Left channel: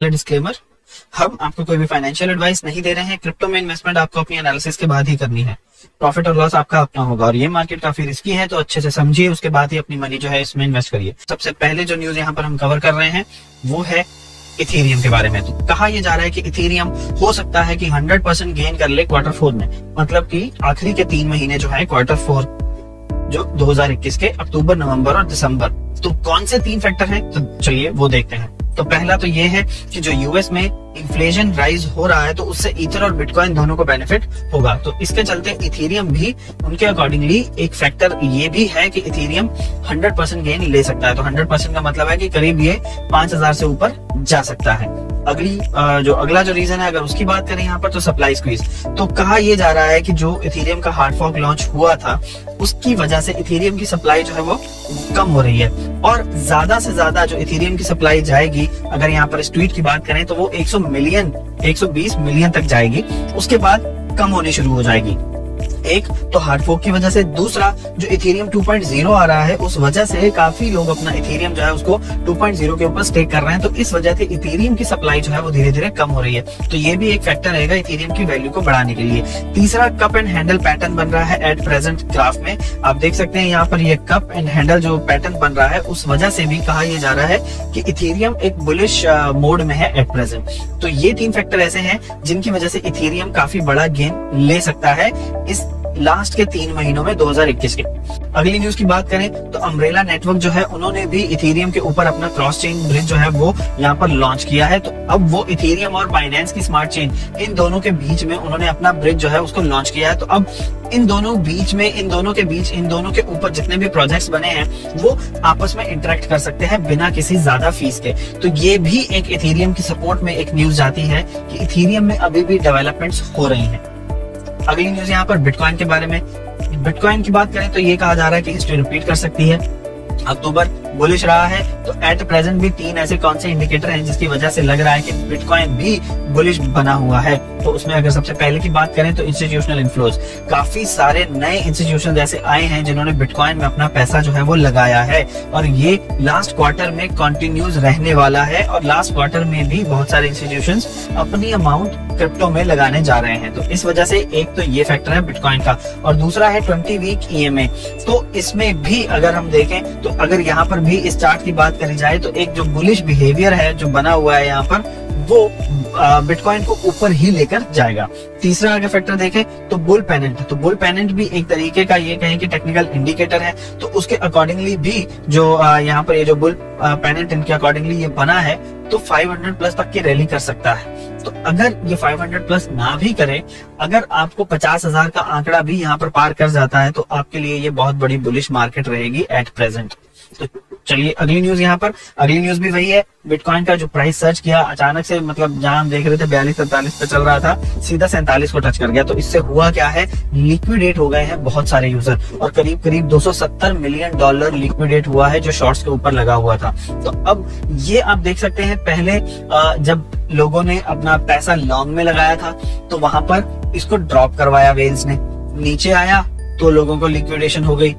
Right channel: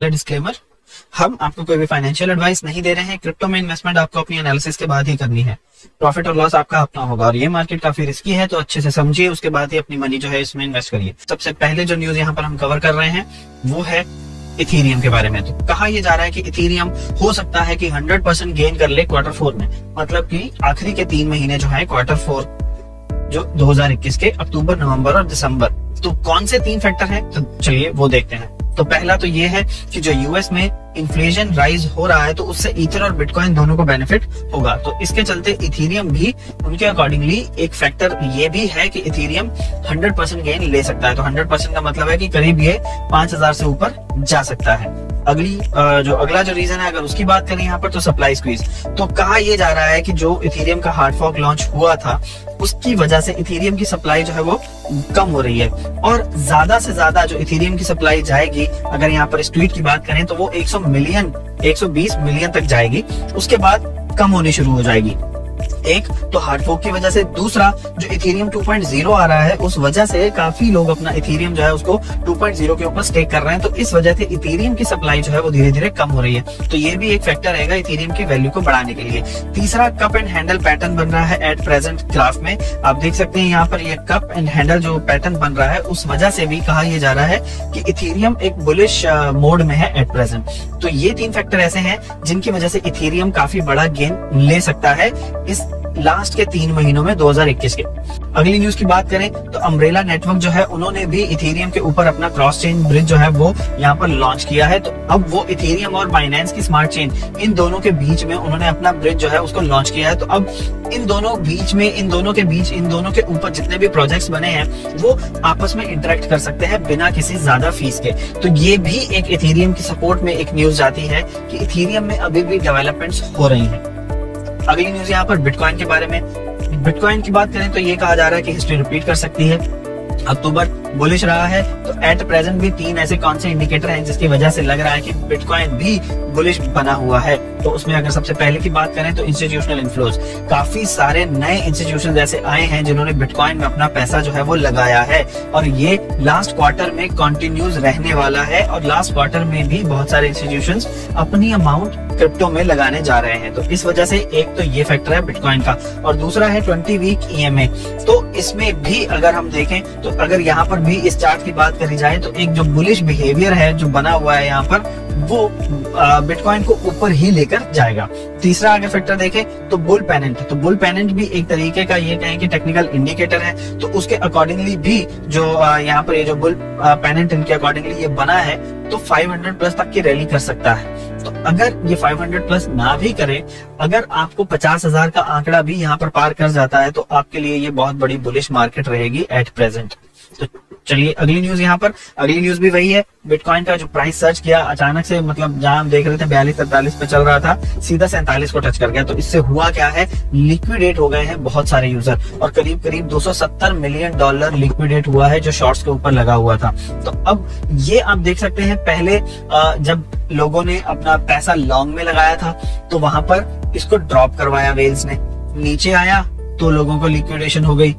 Disclaimer, हम आपको कोई भी फाइनेंशियल एडवाइस नहीं दे रहे हैं। क्रिप्टो में इन्वेस्टमेंट आपको अपनी एनालिसिस के बाद ही करनी है। प्रॉफिट और लॉस आपका अपना होगा और ये मार्केट काफी रिस्की है, तो अच्छे से समझिए, उसके बाद ही अपनी मनी जो है इसमें इन्वेस्ट करिए। सबसे पहले जो न्यूज यहाँ पर हम कवर कर रहे हैं वो है इथेरियम के बारे में। तो कहा यह जा रहा है कि इथेरियम हो सकता है कि 100% गेन कर ले क्वार्टर 4 में, मतलब कि आखिरी के 3 महीने जो है क्वार्टर 4 जो 2021 के अक्टूबर, नवंबर और दिसंबर। तो कौन से 3 फैक्टर हैं, तो चलिए वो देखते हैं। तो पहला तो ये है कि जो यूएस में इन्फ्लेशन राइज हो रहा है, तो उससे ईथर और बिटकॉइन दोनों को बेनिफिट होगा। तो इसके चलते इथेरियम भी उनके अकॉर्डिंगली एक फैक्टर ये भी है कि इथेरियम 100% गेन ले सकता है। तो 100% का मतलब है कि करीब ये 5000 से ऊपर जा सकता है। अगला जो रीजन है, अगर उसकी बात करें यहाँ पर, तो सप्लाई स्क्वीज। तो कहा यह जा रहा है कि जो इथेरियम का हार्ड फॉर्क लॉन्च हुआ था, उसकी वजह से इथेरियम की सप्लाई जो है वो कम हो रही है और ज्यादा से ज्यादा जो इथेरियम की सप्लाई जाएगी, अगर यहाँ पर इस ट्वीट की बात करें तो वो 120 मिलियन तक जाएगी। उसके बाद कम होनी शुरू हो जाएगी। एक तो हार्ड फॉर्क की वजह से, दूसरा जो इथेरियम 2.0 आ रहा है उस वजह से काफी लोग अपना इथेरियम जो है उसको 2.0 के ऊपर स्टेक कर रहे हैं। तो इस वजह से इथेरियम की सप्लाई जो है वो धीरे धीरे कम हो रही है। तो ये भी एक फैक्टर रहेगा इथेरियम की वैल्यू को बढ़ाने के लिए। तीसरा, कप एंड हैंडल पैटर्न बन रहा है एट प्रेजेंट ग्राफ में। आप देख सकते हैं यहाँ पर ये कप एंड हैंडल जो पैटर्न बन रहा है, उस वजह से भी कहा यह जा रहा है कि इथेरियम एक बुलिश मोड में है एट प्रेजेंट। तो ये 3 फैक्टर ऐसे हैं जिनकी वजह से इथेरियम काफी बड़ा गेन ले सकता है इस लास्ट के 3 महीनों में 2021 के। अगली न्यूज की बात करें तो अम्ब्रेला नेटवर्क जो है, उन्होंने भी इथेरियम के ऊपर अपना क्रॉस चेन ब्रिज जो है वो यहाँ पर लॉन्च किया है। तो अब वो इथेरियम और बाइनेंस की स्मार्ट चेन, इन दोनों के बीच में उन्होंने अपना ब्रिज जो है उसको लॉन्च किया है। तो अब इन दोनों के ऊपर जितने भी प्रोजेक्ट्स बने हैं वो आपस में इंटरेक्ट कर सकते हैं बिना किसी ज्यादा फीस के। तो ये भी एक इथेरियम की सपोर्ट में एक न्यूज जाती है कि इथेरियम में अभी भी डेवलपमेंट्स हो रही हैं। अगली न्यूज यहाँ पर बिटकॉइन के बारे में। बिटकॉइन की बात करें तो ये कहा जा रहा है कि हिस्ट्री रिपीट कर सकती है। अक्टूबर बुलिश रहा है, तो एट प्रेजेंट भी 3 ऐसे कौन से इंडिकेटर हैं जिसकी वजह से लग रहा है कि बिटकॉइन भी बुलिश बना हुआ है। तो उसमें अगर सबसे पहले की बात करें तो इंस्टीट्यूशनल इन्फ्लोज, काफी सारे नए इंस्टीट्यूशन जैसे आए हैं जिन्होंने बिटकॉइन में अपना पैसा जो है वो लगाया है और ये लास्ट क्वार्टर में कंटिन्यूज रहने वाला है। और लास्ट क्वार्टर में भी बहुत सारे इंस्टीट्यूशंस अपनी अमाउंट क्रिप्टो में लगाने जा रहे हैं। तो इस वजह से एक तो ये फैक्टर है बिटकॉइन का, और दूसरा है 20 वीक EMA। तो इसमें भी अगर हम देखें तो अगर यहाँ पर भी इस चार्ट की बात करी जाए तो एक जो बुलिश बिहेवियर है जो बना हुआ है यहाँ पर, वो बिटकॉइन को ऊपर ही लेकर जाएगा। तीसरा अगर फैक्टर देखें तो बुल पेनेंट, तो बुल पेनेंट भी एक तरीके का ये कहें कि टेक्निकल इंडिकेटर है। तो उसके अकॉर्डिंगली भी जो यहाँ पर ये जो बुल पेनेंट इनके अकॉर्डिंगली ये बना है, तो 500 प्लस तक की रैली कर सकता है। तो अगर ये 500 प्लस ना भी करे, अगर आपको 50,000 का आंकड़ा भी यहाँ पर पार कर जाता है, तो आपके लिए ये बहुत बड़ी बुलिश मार्केट रहेगी एट प्रेजेंट। तो चलिए अगली न्यूज यहाँ पर, अगली न्यूज भी वही है। बिटकॉइन का जो प्राइस सर्च किया अचानक से, मतलब जहां हम देख रहे थे 42-43 पे चल रहा था, सीधा 47 को टच कर गया। तो इससे हुआ क्या है, लिक्विडेट हो गए हैं बहुत सारे यूजर और करीब करीब $270 मिलियन लिक्विडेट हुआ है जो शॉर्ट्स के ऊपर लगा हुआ था। तो अब ये आप देख सकते हैं, पहले जब लोगों ने अपना पैसा लॉन्ग में लगाया था तो वहां पर इसको ड्रॉप करवाया वेल्स ने, नीचे आया तो लोगों को लिक्विडेशन हो गई।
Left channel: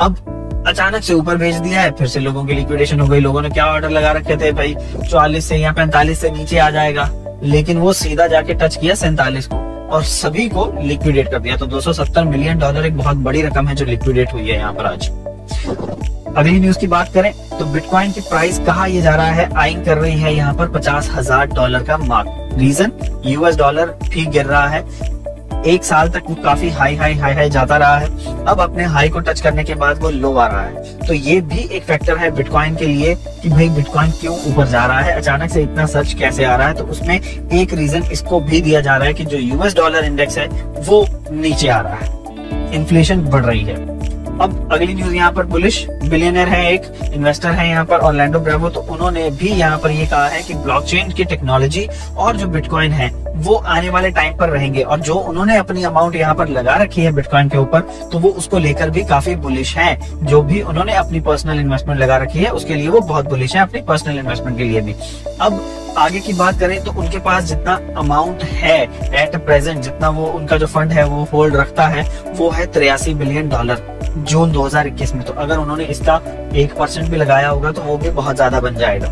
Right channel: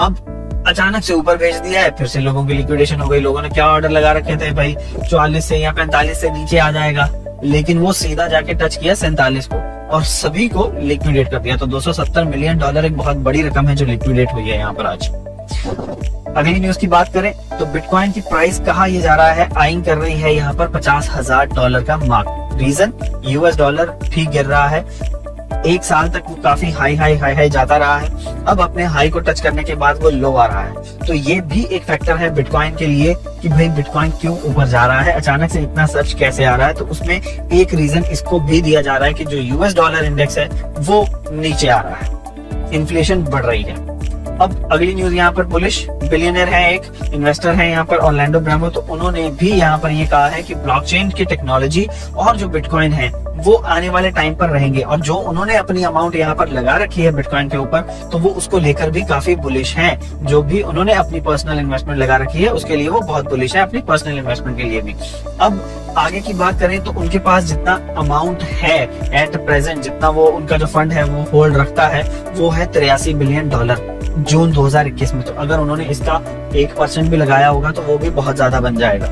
अब अचानक से ऊपर भेज दिया है, फिर से लोगों की लिक्विडेशन हो गई। लोगों ने क्या ऑर्डर लगा रखे थे भाई, 44 से या 45 से नीचे आ जाएगा, लेकिन वो सीधा जाके टच किया 47 को और सभी को लिक्विडेट कर दिया। तो $270 मिलियन एक बहुत बड़ी रकम है जो लिक्विडेट हुई है यहाँ पर आज। अगली न्यूज की बात करें तो बिटकॉइन की प्राइस कहा यह जा रहा है, आइंग कर रही है यहाँ पर $50,000 का मार्क। रीजन, यूएस डॉलर भी गिर रहा है। एक साल तक वो काफी हाई जाता रहा है, अब अपने हाई को टच करने के बाद वो लो आ रहा है। तो ये भी एक फैक्टर है बिटकॉइन के लिए कि भाई बिटकॉइन क्यों ऊपर जा रहा है, अचानक से इतना सर्च कैसे आ रहा है। तो उसमें एक रीजन इसको भी दिया जा रहा है कि जो यूएस डॉलर इंडेक्स है वो नीचे आ रहा है, इन्फ्लेशन बढ़ रही है। अब अगली न्यूज यहाँ पर बुलिश बिलियनर है, एक इन्वेस्टर है यहाँ पर ऑर्लैंडो ब्रावो। तो उन्होंने भी यहाँ पर ये कहा है कि ब्लॉकचेन की टेक्नोलॉजी और जो बिटकॉइन है वो आने वाले टाइम पर रहेंगे, और जो उन्होंने अपनी अमाउंट यहाँ पर लगा रखी है बिटकॉइन के ऊपर, तो वो उसको लेकर भी काफी बुलिश हैं। जो भी उन्होंने अपनी पर्सनल इन्वेस्टमेंट लगा रखी है उसके लिए वो बहुत बुलिश है, अपनी पर्सनल इन्वेस्टमेंट के लिए भी। अब आगे की बात करें तो उनके पास जितना अमाउंट है एट प्रेजेंट, जितना वो उनका जो फंड है वो होल्ड रखता है, वो है $83 बिलियन जून 2021 में। तो अगर उन्होंने इसका 1% भी लगाया होगा तो वो भी बहुत ज्यादा बन जाएगा।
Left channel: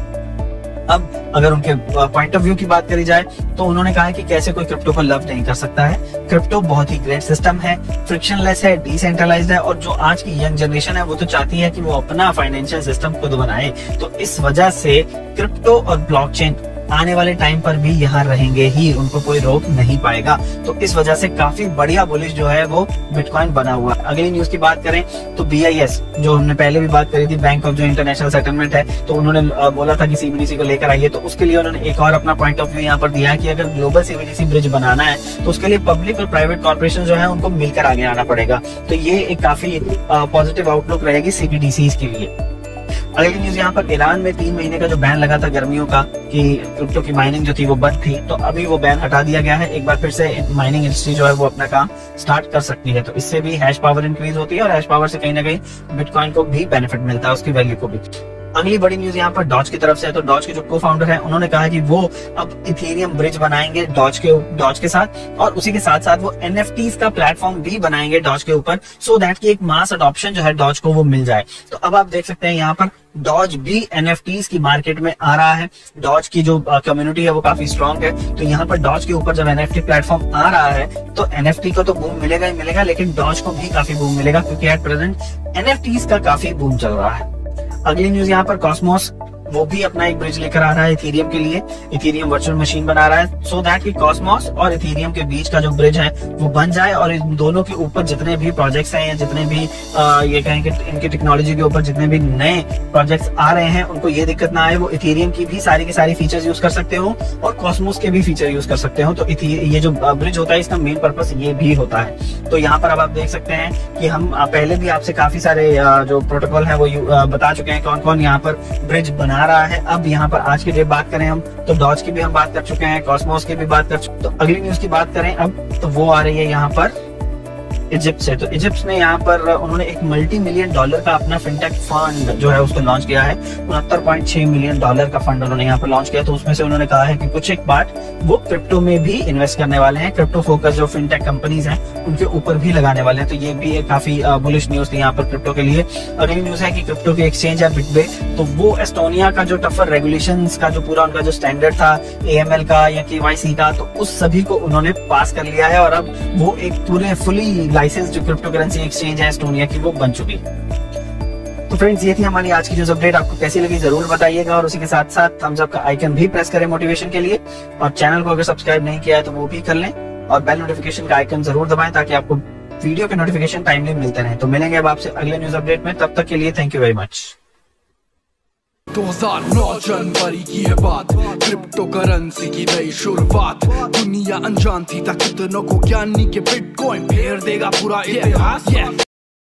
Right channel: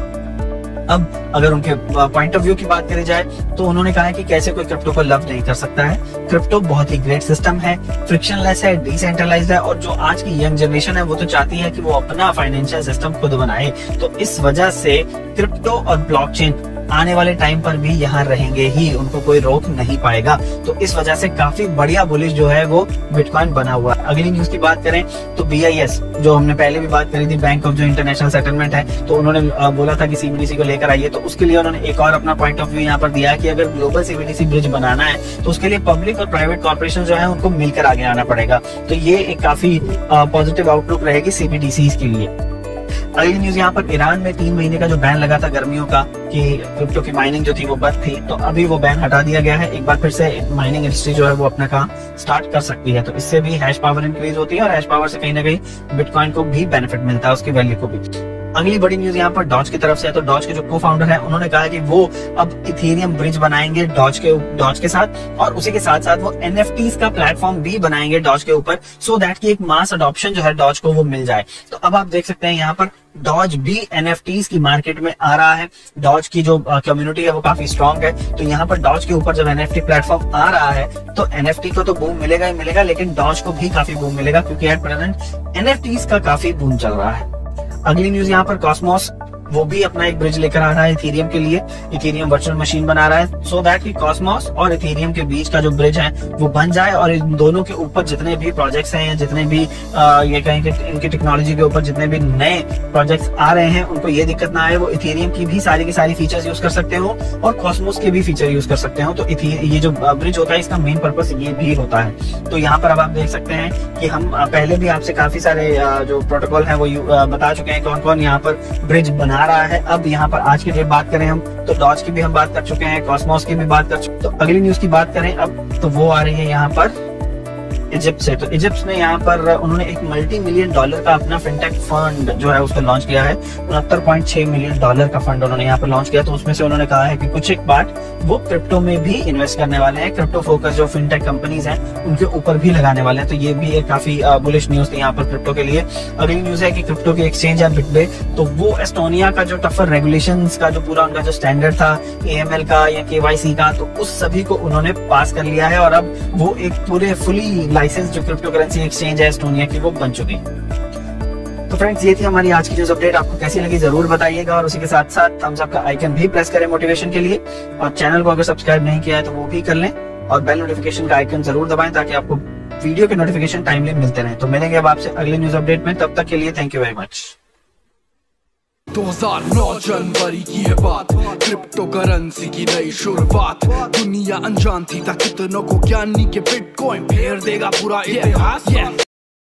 अब अगर उनके पॉइंट ऑफ व्यू की बात करी जाए तो उन्होंने कहा है कि कैसे कोई क्रिप्टो को लव नहीं कर सकता है। क्रिप्टो बहुत ही ग्रेट सिस्टम है, फ्रिक्शनलेस है, डिसेंट्रलाइज्ड है, और जो आज की यंग जनरेशन है वो तो चाहती है कि वो अपना फाइनेंशियल सिस्टम खुद बनाए। तो इस वजह से क्रिप्टो और ब्लॉकचेन आने वाले टाइम पर भी यहाँ रहेंगे ही, उनको कोई रोक नहीं पाएगा। तो इस वजह से काफी बढ़िया बुलिश जो है वो बिटकॉइन बना हुआ है। अगली न्यूज की बात करें तो BIS, जो हमने पहले भी बात करी थी, बैंक ऑफ जो इंटरनेशनल सेटलमेंट है, तो उन्होंने बोला था कि CBDC को लेकर आइए। तो उसके लिए उन्होंने एक और अपना पॉइंट ऑफ व्यू यहाँ पर दिया है कि अगर ग्लोबल CBDC ब्रिज बनाना है तो उसके लिए पब्लिक और प्राइवेट कॉर्पोरेशन जो है उनको मिलकर आगे आना पड़ेगा। तो ये एक काफी पॉजिटिव आउटलुक रहेगी CBDCs के लिए। अगली न्यूज यहाँ पर ईरान में 3 महीने का जो बैन लगा था गर्मियों का कि क्रिप्टो की माइनिंग जो थी वो बंद थी, तो अभी वो बैन हटा दिया गया है। एक बार फिर से माइनिंग इंडस्ट्री जो है वो अपना काम स्टार्ट कर सकती है। तो इससे भी हैश पावर इंक्रीज होती है और हैश पावर से कहीं ना कहीं बिटकॉइन को भी बेनिफिट मिलता है, उसकी वैल्यू को भी। अगली बड़ी न्यूज यहाँ पर डॉज की तरफ से है। तो डॉज के जो को फाउंडर है उन्होंने कहा है कि वो अब इथेरियम ब्रिज बनाएंगे डॉज के साथ, और उसी के साथ साथ वो NFTs का प्लेटफॉर्म भी बनाएंगे डॉज के ऊपर, सो दैट कि एक मास अडॉप्शन जो है डॉज को वो मिल जाए। तो अब आप देख सकते हैं यहाँ पर डॉज भी NFTs की मार्केट में आ रहा है। डॉज की जो कम्युनिटी है वो काफी स्ट्रांग है। तो यहाँ पर डॉज के ऊपर जब NFT प्लेटफॉर्म आ रहा है तो NFT को तो बूम मिलेगा ही मिलेगा, लेकिन डॉज को भी काफी बूम मिलेगा, क्योंकि एट प्रेजेंट NFTs का काफी बूम चल रहा है। अगली न्यूज यहाँ पर कॉस्मोस, वो भी अपना एक ब्रिज लेकर आ रहा है इथेरियम के लिए। इथेरियम वर्चुअल मशीन बना रहा है सो दैट कि कॉस्मोस और इथेरियम के बीच का जो ब्रिज है वो बन जाए, और इन दोनों के ऊपर जितने भी प्रोजेक्ट्स हैं या जितने भी ये कहें कि इनके टेक्नोलॉजी के ऊपर जितने भी नए प्रोजेक्ट्स आ रहे हैं उनको ये दिक्कत ना आए, वो इथेरियम की भी सारी फीचर्स यूज कर सकते हो और कॉस्मोस के भी फीचर यूज कर सकते हो। तो ये जो ब्रिज होता है इसका मेन पर्पस ये भी होता है। तो यहाँ पर अब आप देख सकते हैं कि हम पहले भी आपसे काफी सारे जो प्रोटोकॉल है वो बता चुके हैं कौन कौन यहाँ पर ब्रिज बना रहा है। अब यहाँ पर आज की डेट बात करें हम तो डॉज की भी हम बात कर चुके हैं, कॉस्मोस की भी बात कर चुके हैं। तो अगली न्यूज की बात करें अब तो वो आ रही है यहाँ पर इजिप्ट से। तो इजिप्ट में यहाँ पर उन्होंने एक $multi-million का अपना फिनटेक फंड जो है उसको लॉन्च किया है। $69.6 मिलियन का फंड उन्होंने यहाँ पर लॉन्च किया। तो उसमें से उन्होंने कहा है कि कुछ एक पार्ट वो क्रिप्टो में भी इन्वेस्ट करने वाले हैं, क्रिप्टो फोकस जो फिनटेक कंपनीज हैं उनके ऊपर भी लगाने वाले हैं। तो ये भी एक काफी बुलिश न्यूज थी यहाँ पर क्रिप्टो के लिए। अगली न्यूज है कि क्रिप्टो के एक्सचेंज है बिटवे, तो वो एस्टोनिया का जो टफर रेगुलेशंस का जो पूरा उनका जो स्टैंडर्ड था AML का या KYC का, तो उस सभी को उन्होंने पास कर लिया है और अब वो एक पूरे फुली लाइसेंस जो क्रिप्टो करेंसी एक्सचेंज है एस्टोनिया की वो बन चुकी। तो फ्रेंड्स ये थी हमारी आज की न्यूज अपडेट, आपको कैसी लगी जरूर बताइएगा, और उसी के साथ साथ थम्स अप का आइकन भी प्रेस करें मोटिवेशन के लिए, और चैनल को अगर सब्सक्राइब नहीं किया है तो वो भी कर लें, और बेल नोटिफिकेशन का आइकन जरूर दबाएं ताकि आपको वीडियो के नोटिफिकेशन टाइमली मिलते रहे। तो मिलेंगे अब आपसे अगले न्यूज अपडेट में, तब तक के लिए थैंक यू वेरी मच। 2009 जनवरी की है बात, क्रिप्टो करेंसी की नई शुरुआत। दुनिया अनजान थी कितनों को ज्ञानी के बिटकॉइन फेर देगा पूरा इतिहास।